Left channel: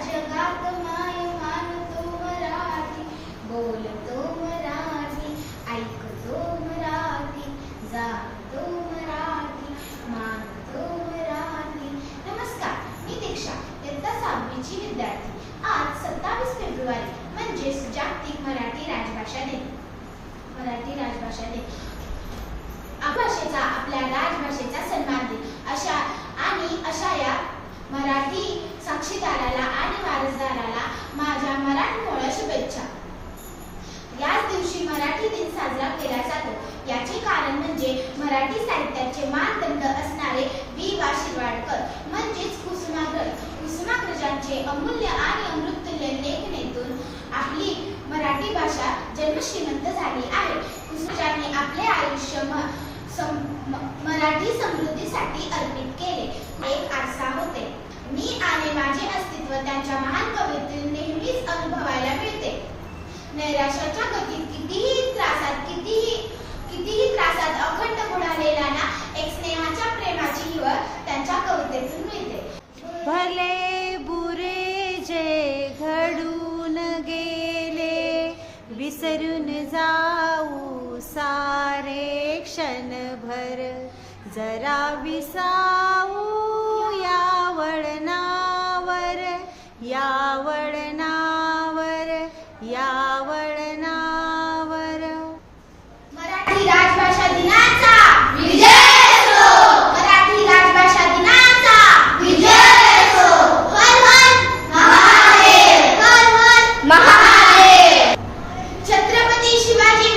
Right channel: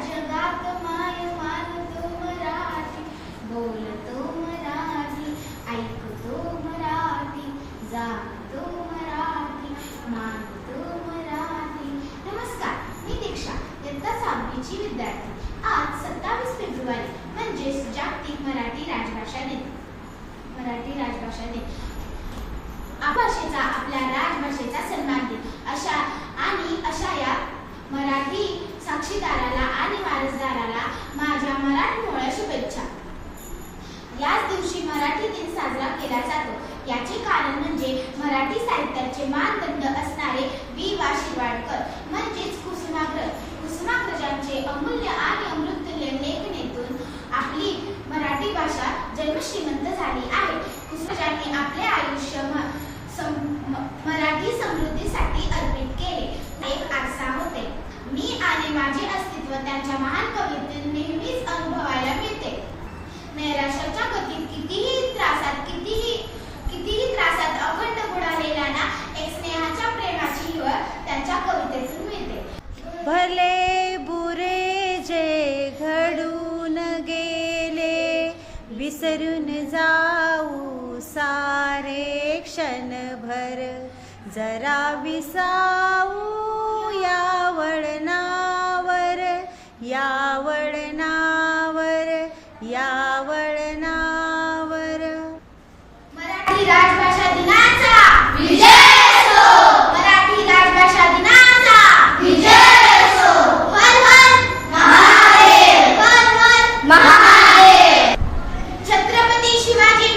जगात माय मानतो मराठी, बोलतो मराठी, ऐकतो मराठी, जातो मराठी, मानतो मराठी. नमस्कार, मी दीक्षा, इयत्ता 6वीची विद्यार्थी. आज 27 फेब्रुवारी म्हणजेच जागतिक मराठी राजभाषा दिन. भाषेचा, आपल्या राजभाषेचा सन्मान दिन अशा या मराठी साक्षीदाराला आणि वारसदाराला माझ्या मराठमोळ्या शुभेच्छा. याच दिवशी मराठी दिन साजरा केला जातो. याचे कारण म्हणजे मराठी साहित्याचे मानदंड असणारे बी. वा. शिरवाडकर म्हणजेच कुसुमाग्रजांचे अमूल्य आणि अमृततुल्य लेखणीतून आपली मराठी भाषा जन्मश्रीमंत झाली आहे. कुसुमाग्रजांनी आपले आयुष्य मराठी समृद्धीसाठी अर्पित केले. एक आरसा होते. मी आणि माझे अस्तित्व त्यांच्या महान कवितेतून नेहमीच अनुभवायला मिळते. नैराश्याच्या गतीत कितीही त्रासात अखंड बुडालेला ना एक स्नेहाच्या प्रेमाची हिवळ त्यांच्या कवितेतून मिळते. भले बुरे जे घडून गेले, विसरून जाऊ सारे क्षणभर, जरा विसावू या वळणावर, या वळणावर, या वळणावर. मराठी राजभाषा दिनाचा विजय असो. मराठी राजभाषा दिनाचा विजय असो. हर हर महादेव. हर हर महादेव. छत्रपती शिवाजी